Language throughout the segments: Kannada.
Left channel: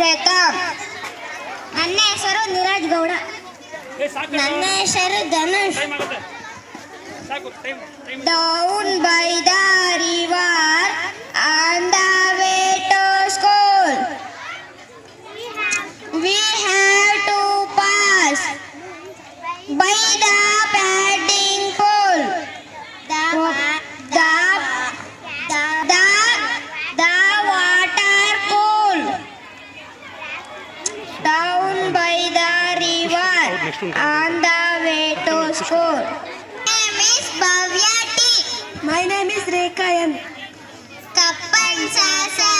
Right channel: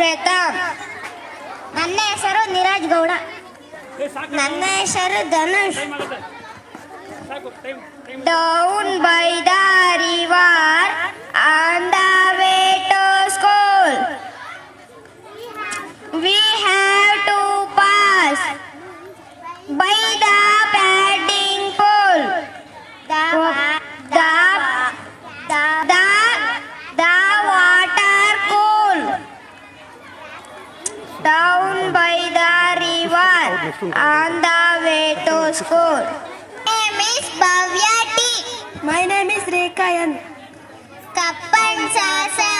ಪ್ರತಾಪ್. ನನ್ನ ಹೆಸರು ನೀರಜ್ ಗೌಡ. ನನ್ನ ಹೆಸರು Dhanush. Down by the river on the way to school, we have to pass by the padding pool. The water cool. Down by the river on the way to school. My name is Bhavya T. My name is Rekha N. Kappan sasa,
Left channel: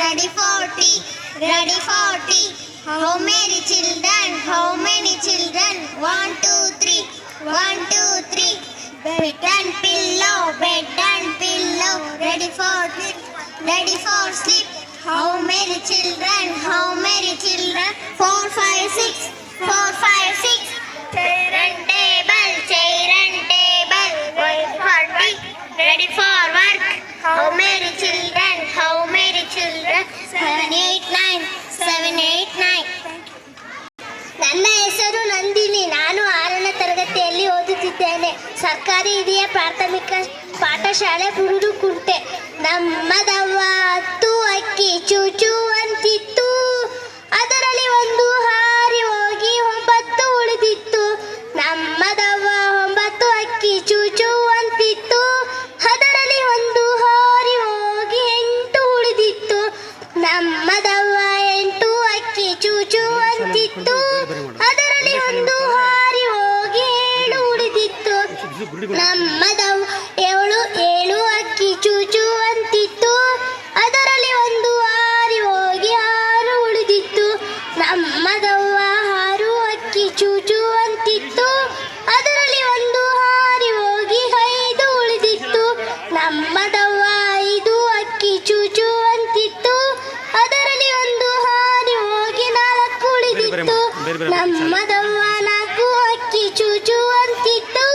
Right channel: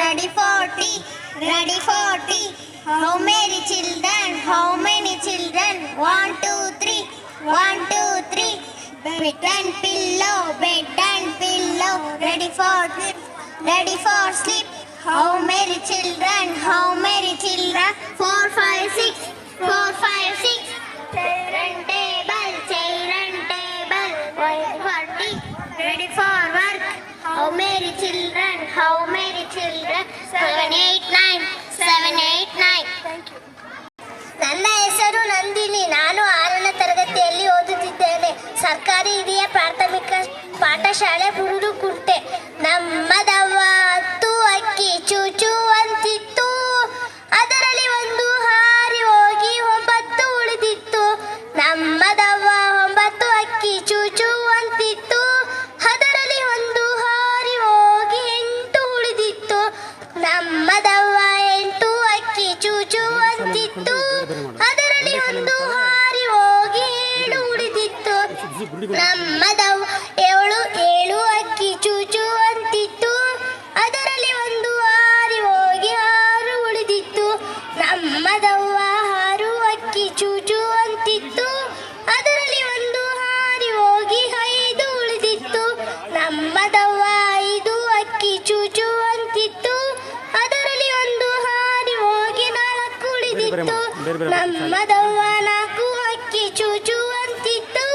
ready for tea, ready for tea. How many children? 1, 2, 3, 1, 2, 3. Bed and pillow, ready for sleep, ready for sleep. How many children? 4, 5, 6, 4, 5, 6. Chair and table, wait for tea, ready for work. How many children? 7, 8, 9. ನನ್ನ ಹೆಸರು ನಂದಿನಿ. ನಾನು 6ನೇ ತರಗತಿಯಲ್ಲಿ ಓದುತ್ತಿದ್ದೇನೆ. ಸರ್ಕಾರಿ ಹಿರಿಯ ಪ್ರಾಥಮಿಕ ಪಾಠಶಾಲೆ ಬುರುಡುಕುಂಟೆ. ನಮ್ಮದವ್ವ 10 ಅಕ್ಕಿ ಚೂಚು ಅಂತಿತ್ತು, ಅದರಲ್ಲಿ ಒಂದು ಹಾರಿ ಹೋಗಿ 9 ಉಳಿದಿತ್ತು. ನಮ್ಮದವ್ವ 9 ಅಕ್ಕಿ ಚೂಚು ಅಂತಿತ್ತು, ಅದರಲ್ಲಿ ಒಂದು ಹಾರಿ ಹೋಗಿ 8 ಉಳಿದಿತ್ತು. ನಮ್ಮದವ್ವ 8 ಅಕ್ಕಿ ಚೂಚು ಅಂತಿತ್ತು, ಅದರಲ್ಲಿ ಒಂದು ಹಾರಿ ಹೋಗಿ 7 ಉಳಿದಿತ್ತು. ನಮ್ಮದವ್ವ 7 ಅಕ್ಕಿ ಚೂಚು ಅಂತಿತ್ತು, ಅದರಲ್ಲಿ ಒಂದು ಹಾರಿ ಹೋಗಿ 6 ಉಳಿದಿತ್ತು. ನಮ್ಮದವ್ವ 6 ಅಕ್ಕಿ ಚೂಚು ಅಂತಿತ್ತು, ಅದರಲ್ಲಿ ಒಂದು ಹಾರಿ ಹೋಗಿ 5 ಉಳಿದಿತ್ತು. ನಮ್ಮದವ್ವ 5 ಅಕ್ಕಿ ಚೂಚು ಅಂತಿತ್ತು, ಅದರಲ್ಲಿ ಒಂದು ಹಾರಿ ಹೋಗಿ 4 ಉಳಿದಿತ್ತು. ನಮ್ಮದವ್ವ 4 ಅಕ್ಕಿ ಚೂಚು ಅಂತಿತ್ತು,